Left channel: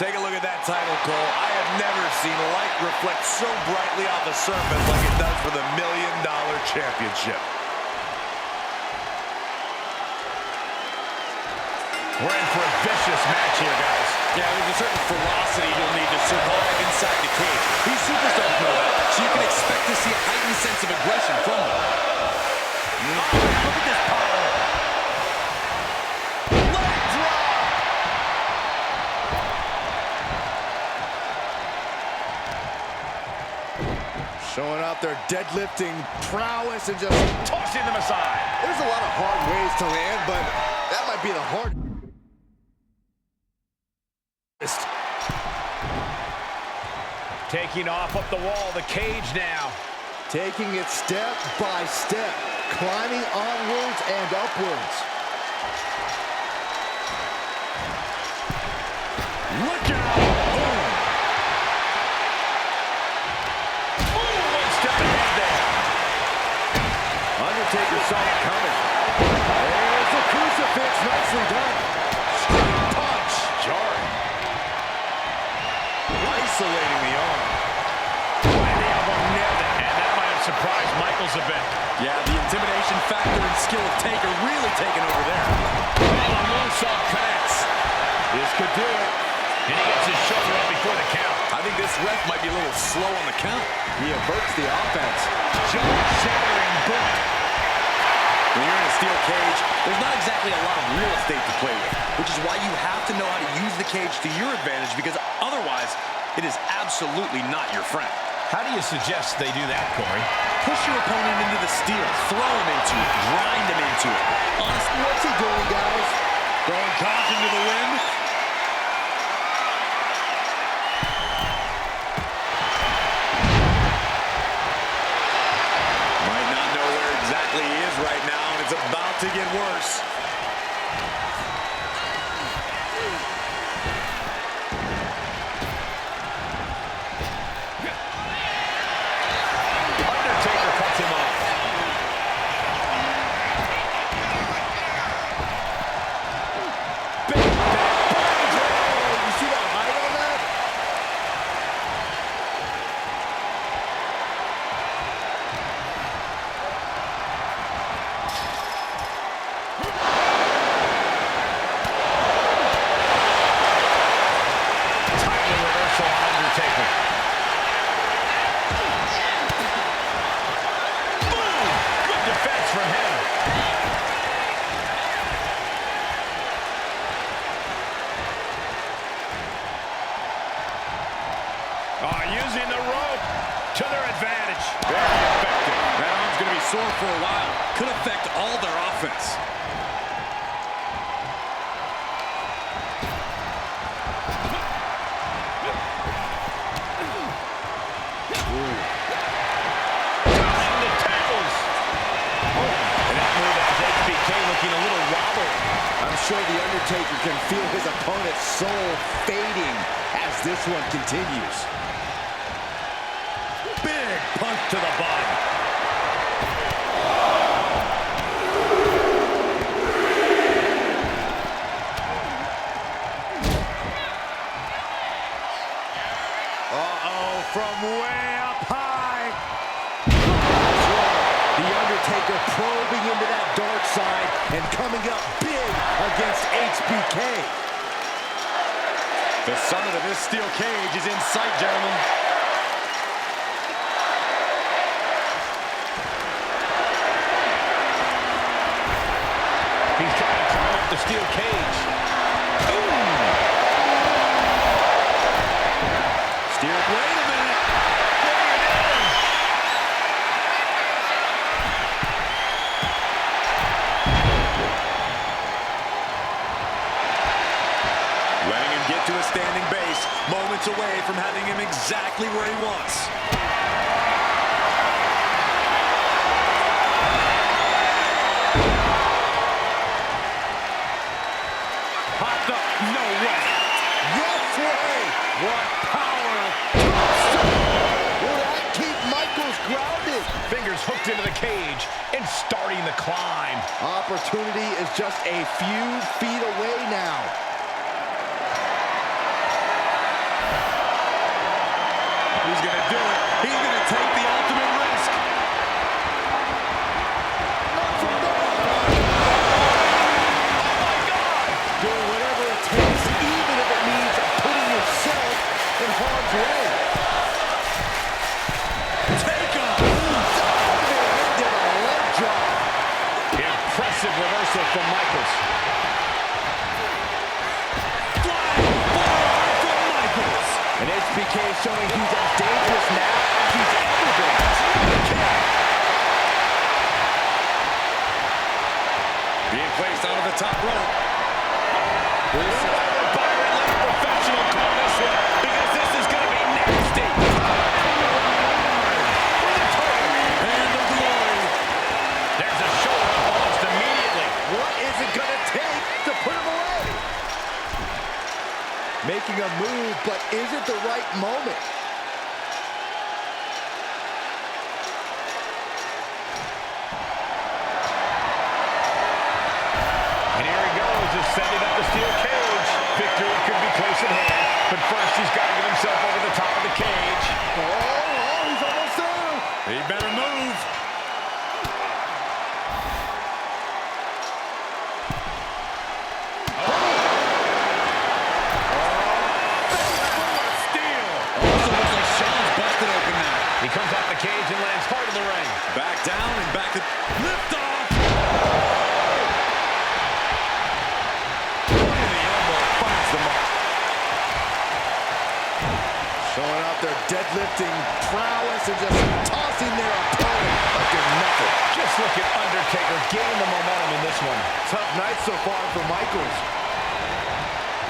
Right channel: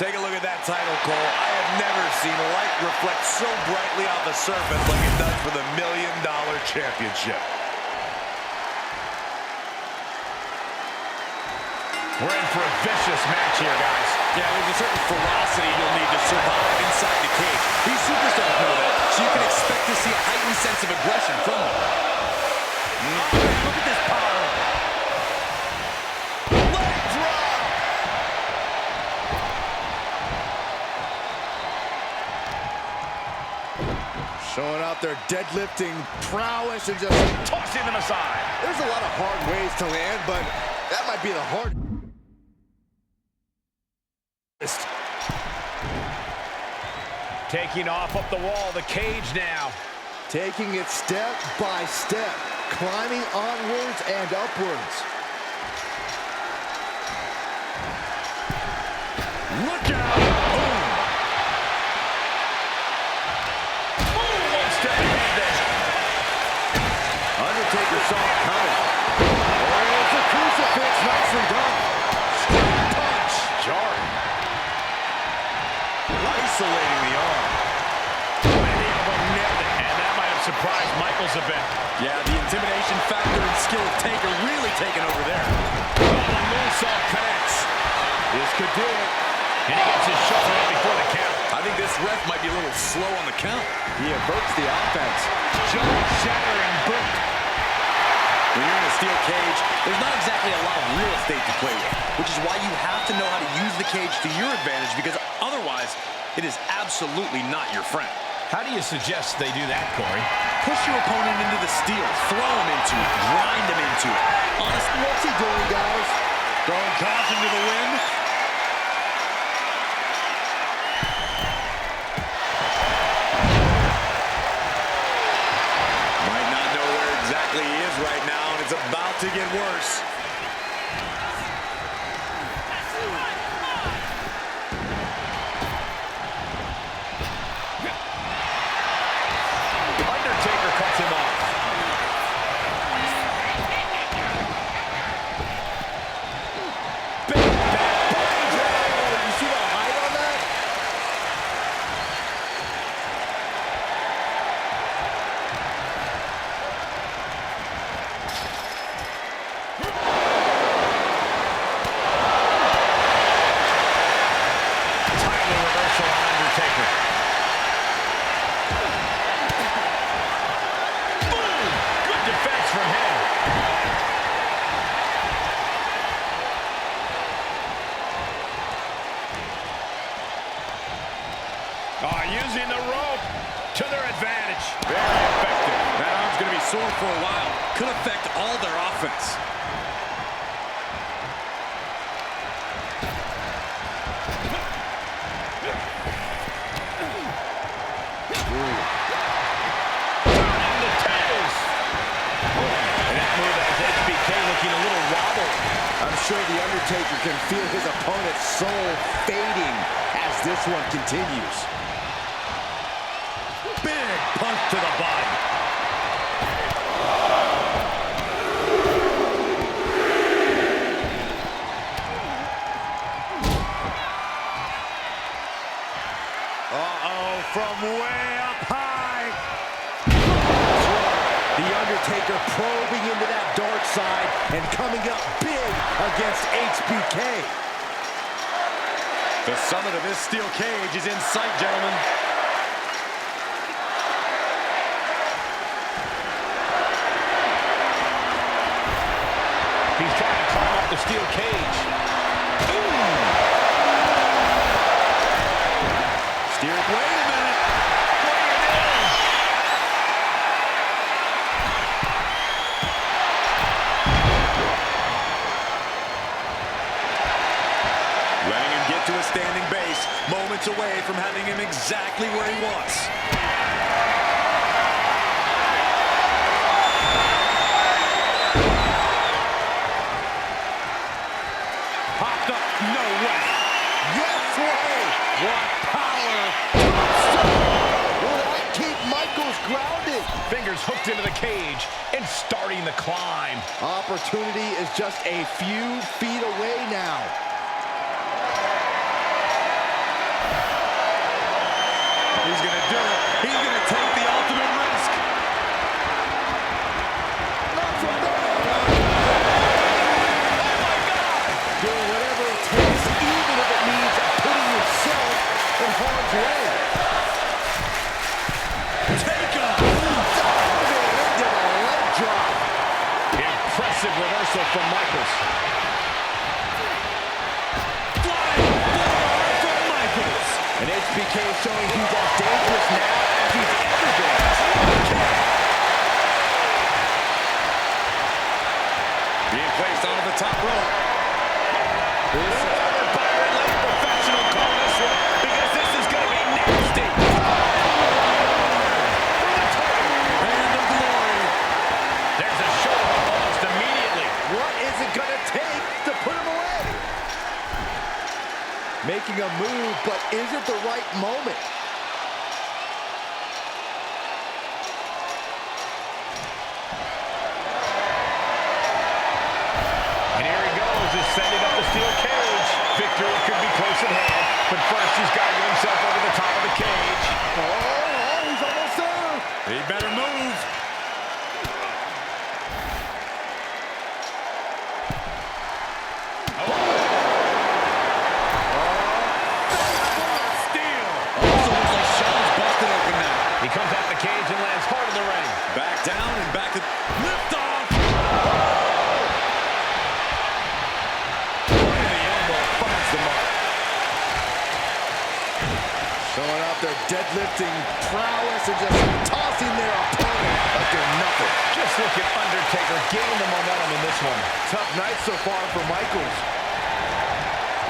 Take a look at that title, Cole. I have never seen light reflect so brightly off the surface like it does for the $1 Million Championship. We're in for a vicious match here, guys. Yeah, there's a certain ferocity you'll need to survive inside the cage. These superstars know that, so you can expect to see a heightened sense of aggression from them. Oh, man, look at this power. Leg drop. Showing off their deadlifting prowess and just Tossing them aside. there's a lot of hard ways to land, but that might be the hardest. Taking off up the wall, the cage now. Taking it step by step, climbing onwards and upwards. Look out! Boom! Boom! One step ahead there. Undertaker saw it coming. There's a crucifix, nicely done. Straight punch. Jarring. Isolating the arm. And the elbow nailed it. And that might have surprised Michaels a bit. Yeah, the intimidation factor and skill of Taker really taking over there. Oh, the moonsault connects. This could do it. And he gets his shoulder up before the count. I think this ref might be a little slow on the count. He averts the offense. Jaw-shattering boot. When you're in a steel cage, there's not exactly a lot of real estate to play with, which is why you have to know how to use the cage to your advantage, because otherwise, it is absolutely not your friend. How do you suggest they do that, Corey? Push your opponent into the steel, throw him into it, grind him into it. Honestly, What's he doing, guys? throwing caution to the wind. Might not know where exactly he is right now, and it's about to get worse. Undertaker cuts him off. Big back body drop. You see the height on that? Timely reversal on Undertaker. Boom! Good defense from him. Oh, using the rope to their advantage. Very effective. That arm's going to be sore for a while. Could affect all their offense. Turning the tables. And that move has HBK looking a little wobbly. I'm sure The Undertaker can feel his opponent's soul fading as this one continues. Big punch to the body. Uh-oh, from way up high. The Undertaker probing into that dark side and coming up big against HBK. The summit of this steel cage is in sight, gentlemen. He's trying to climb up the steel cage. Ooh. Steered. Wait a minute. What are you doing? Letting him get to a standing base, moments away from having him exactly where he wants. Popped up. No way. Yes way! What power. Will that keep Michaels grounded? Fingers hooked into the cage and starting the climb. Opportunity is just a few feet away now. he's going to do it. He's going to take the ultimate risk. Not from there. Oh, my God! Doing whatever it takes, even if it means putting yourself in harm's way. Take him. Diving into the leg drop. Impressive reversal from Michaels. Flying forearm from Michaels. And HBK showing he's as dangerous now as he's ever been. Being placed onto the top rope. Whoever Byron let a professional call this one, because this is going to be nasty. For the title. And the glory. There's a shoulder up almost immediately. What is it going to take to put him away? Making a move, but is it the right moment? And here he goes, is setting up the steel cage. Victory could be close at hand, but first he's got to get himself over the top of the cage. Oh, he's almost there. He better move. He comes off the cage and lands hard in the ring. Back down and back to lift off. Right in the elbow, finds the mark. Showing out their deadlifting prowess and just tossing their opponent like they're nothing. Just look at Undertaker gaining the momentum in this one. Tough night so far for Michaels.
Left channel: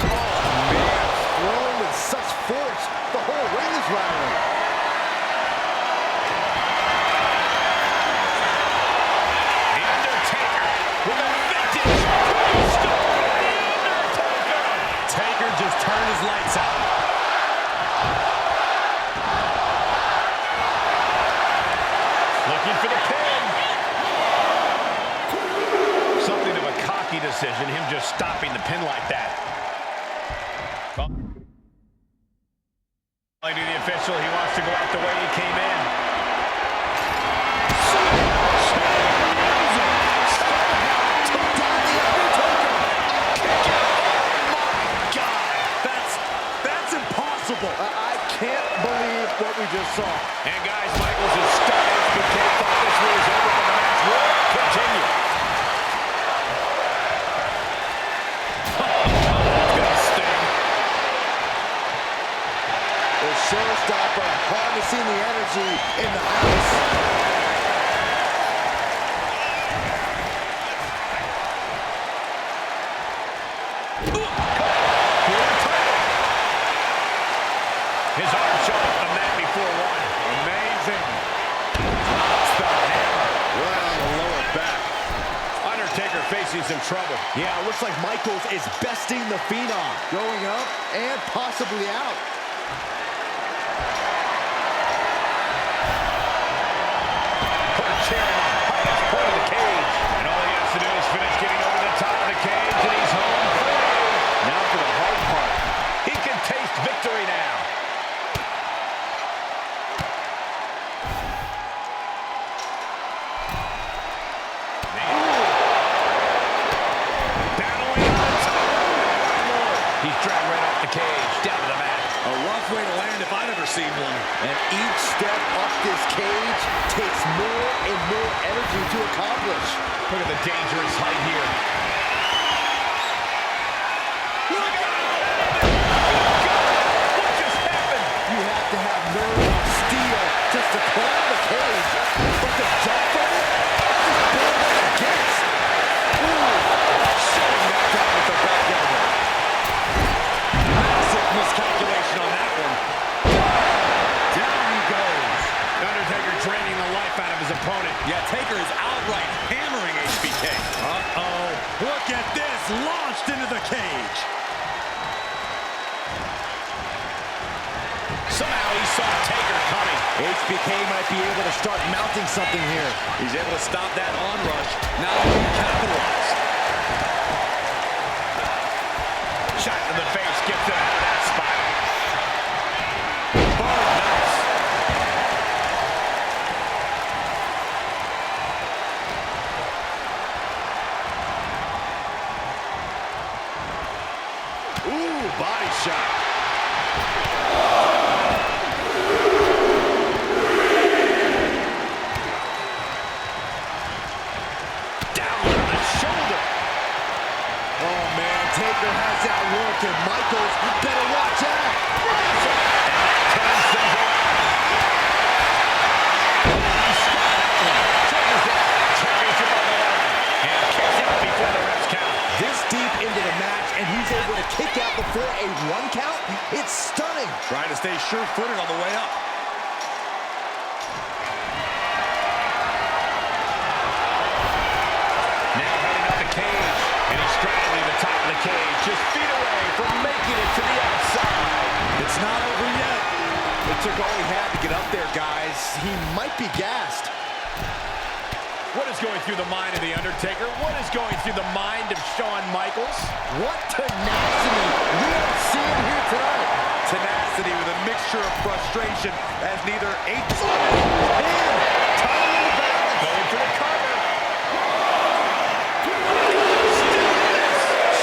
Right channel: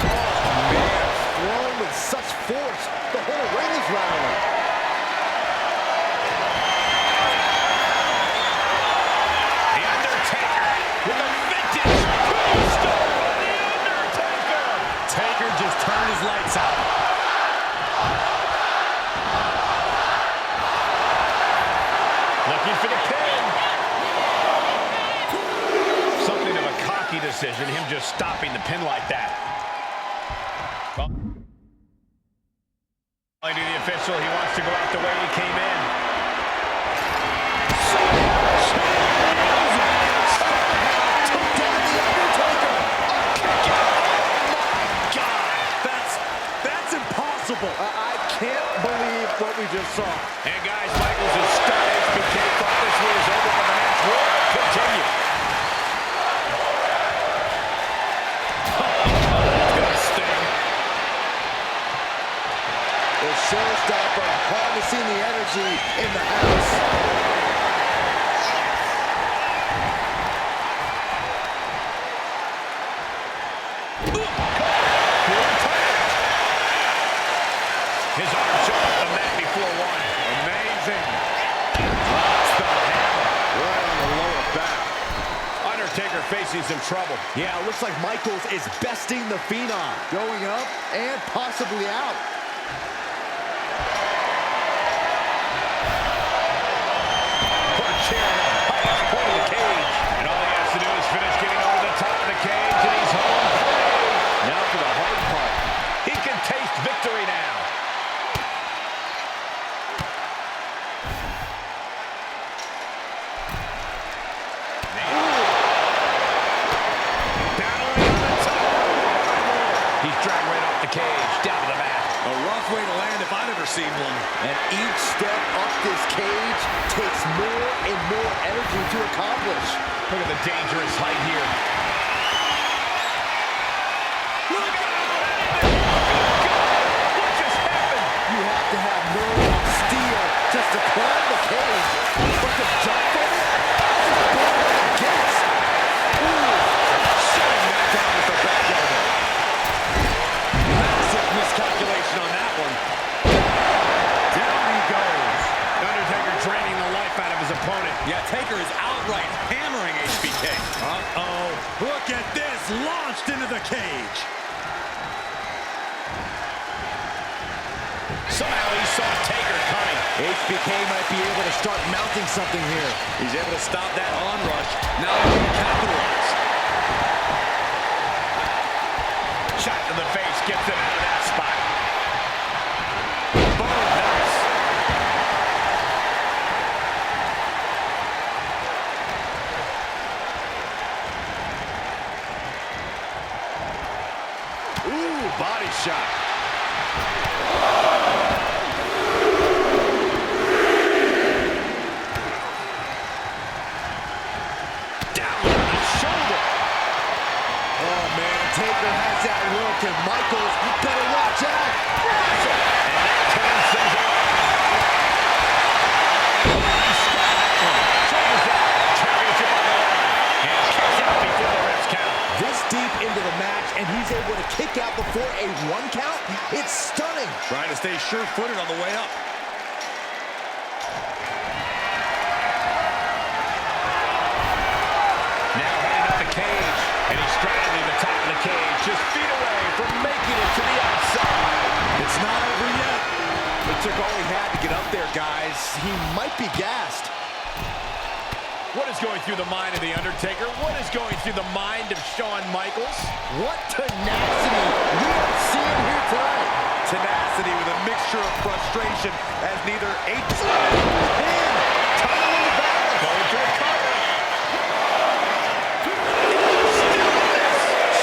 Oh, man. Thrown with such force. The whole ring is rattling. The Undertaker with a vintage tombstone on the Undertaker. Taker just turned his lights out. Looking for the pin. Something of a cocky decision, him just stopping the pin like that. To the official, he wants to go out the way he came in. Somehow took down the Undertaker. Oh, kick out. Oh, my God. That's impossible. I can't believe what we just saw. And guys, Michaels is stunned. HBK thought this one was over, but the match will continue. That's gonna sting. The showstopper harnessing the energy in the house. His arm showing up the mat before one. Amazing. Drops the hammer. Right on the lower back. Undertaker facing some trouble. Yeah, it looks like Michaels is besting the Phenom. Going up and possibly out. Put a chair on the highest point of the cage. And all he has to do is finish getting over the top of the cage, and he's home free. Now for the hard part. He can taste victory now. Battling on the top. He's dragged right off the cage, down to the mat. A rough way to land if I've ever seen one. And each step up this cage takes more and more energy to accomplish. Look at the dangerous height here. Look out! Good God! What just happened? You have to have nerves of steel just to climb the cage. But to jump from it, that's as bad as it gets. Ooh. Shutting that down with the back elbow. Massive miscalculation on that one. Down he goes. Undertaker draining the life out of his opponent. Yeah, Taker is outright hammering HBK. Uh-oh. Look at this, launched into the cage. Somehow he saw Taker coming. HBK might be able to start mounting something here. He's able to stop that onrush. Now looking to capitalize. Shot to the face, gets him out of that spot. Boom, nice. Michaels better watch out. Reversal. And that turns things around. Oh, he's got that one. Shoulders down. Championship on the line. And kicks out before the ref's count. This deep into the match, and he's able to kick out before a 1 count? It's stunning. Trying to stay sure-footed on the way up. Now heading up the cage, and he's straddling the top of the cage, just feet away from making it to the outside. It's not over yet. It took all he had to get up there, guys. He might be gassed. What is going through the mind of The Undertaker? What is going through the mind of Shawn Michaels? What tenacity we are seeing here tonight. Tenacity with a mixture of frustration as neither And title in the balance. Going for the cover.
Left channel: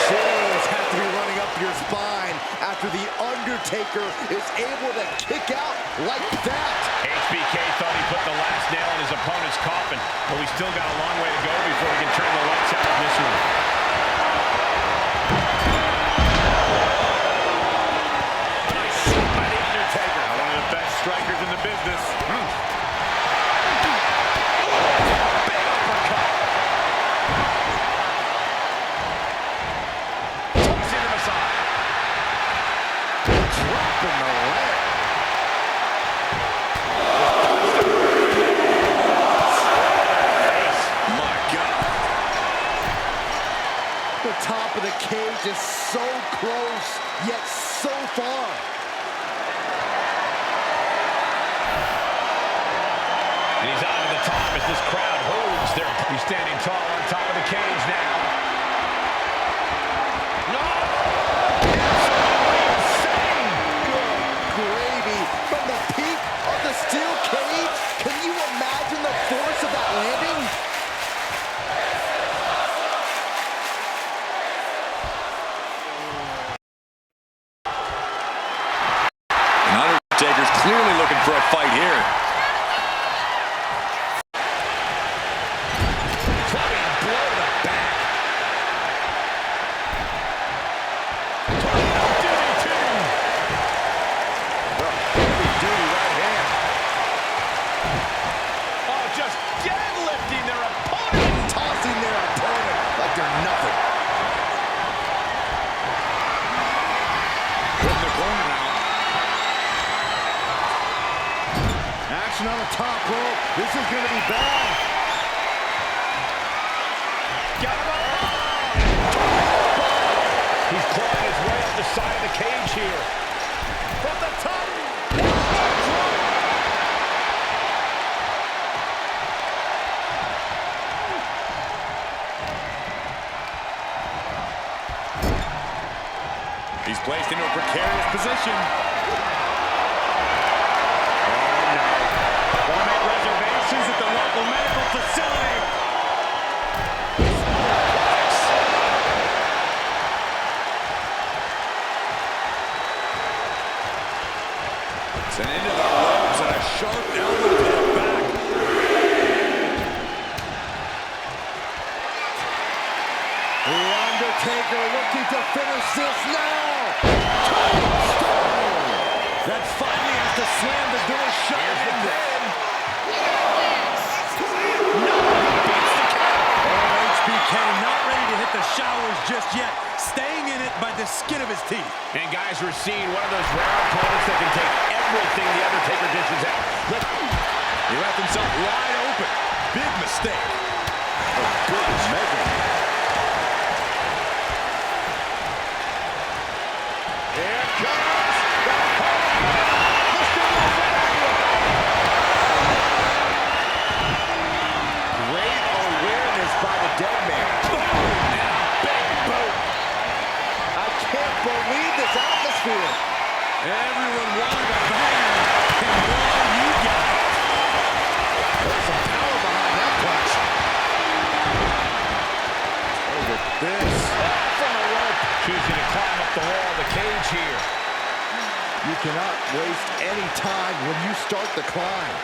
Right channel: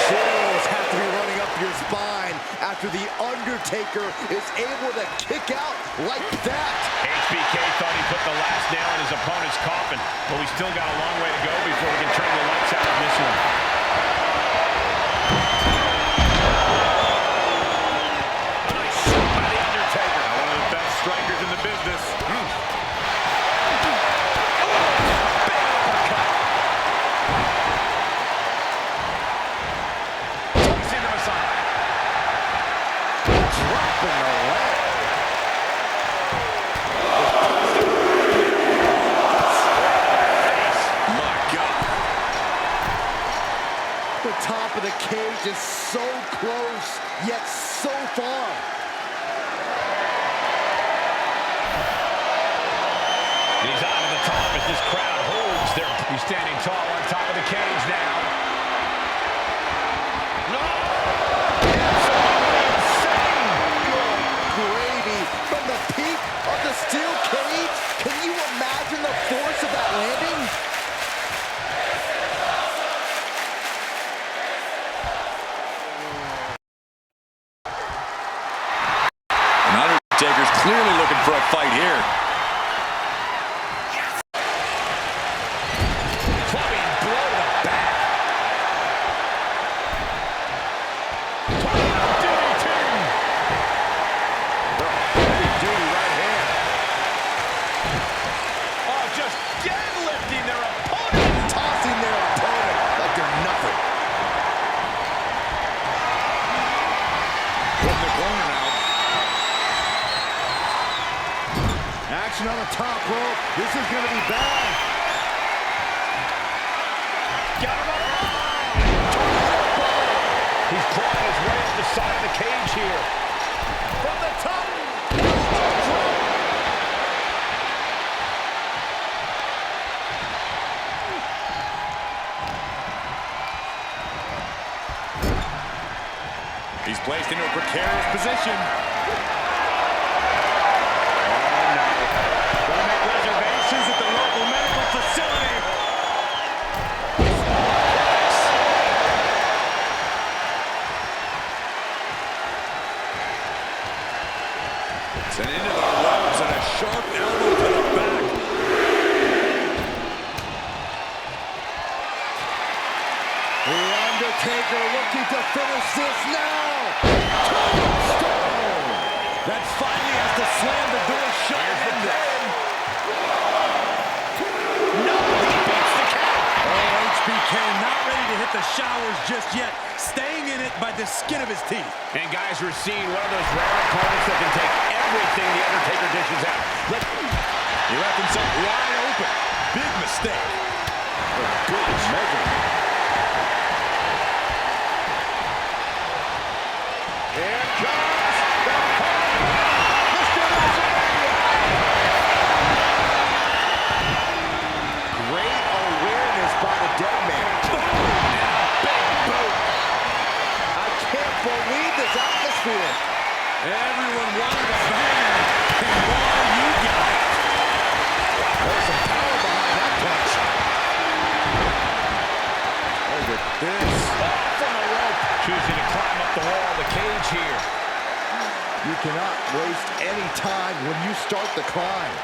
Chills have to be running up your spine after The Undertaker is able to kick out like that. HBK thought he put the last nail in his opponent's coffin, but we still got a long way to go before we can turn the lights out on this one. a nice shot by The Undertaker. One of the best strikers in the business. Big uppercut. Tossing to the side. Dropping the leg. My God. The top of the cage is so close, yet so far. And he's on to the top as this crowd holds their... He's standing tall on top of the cage now. No! Absolutely insane! Good gravy from the peak of the steel cage. Can you imagine the force of that landing? And Undertaker's clearly looking for a fight here. Clubbing blow to the back. Tornado DDT. Heavy duty right hand. Oh, just deadlifting their opponent. Tossing their opponent like they're nothing. Put in the corner now. Action on the top rope. This is going to be bad. Got him up. Tornado bomb. He's clawing his way up the side of the cage here. From the top. Elbow drop. He's placed into a precarious position. Oh, no. Gonna make reservations at the local medical facility. And into the ropes and a sharp elbow to the back. The Undertaker looking to finish this now. Tombstone. That finally has to slam the door shut. Here's the pin. No, he beats the count. Oh, HBK not ready to hit the showers just yet. Staying in it by the skin of his teeth. And guys, we're seeing one of those rare opponents that can take everything The Undertaker dishes out. He left himself wide open. Big mistake. Good measurement. Here comes the Mr. WrestleMania. Great awareness by the dead man. And a big boot. I can't believe this atmosphere. Everyone wanted a banger, and boy, you got it. There's some power behind that punch. Look at this. From the rope. Choosing to climb up the wall of the cage here. You cannot waste any time when you start the climb.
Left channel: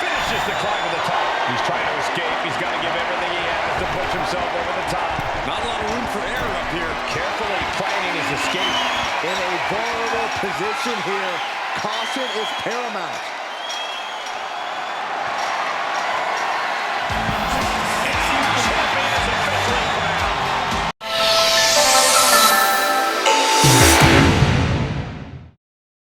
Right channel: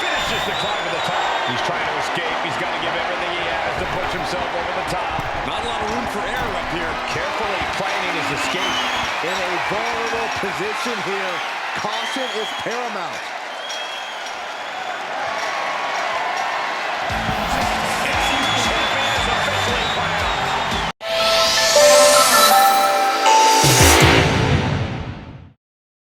Finishes pushes the climb to the top. He's trying to escape. He's got to give everything he has to push himself over the top. Not a lot of room for error up here. Carefully planning his escape. In a vulnerable position here. Caution is paramount.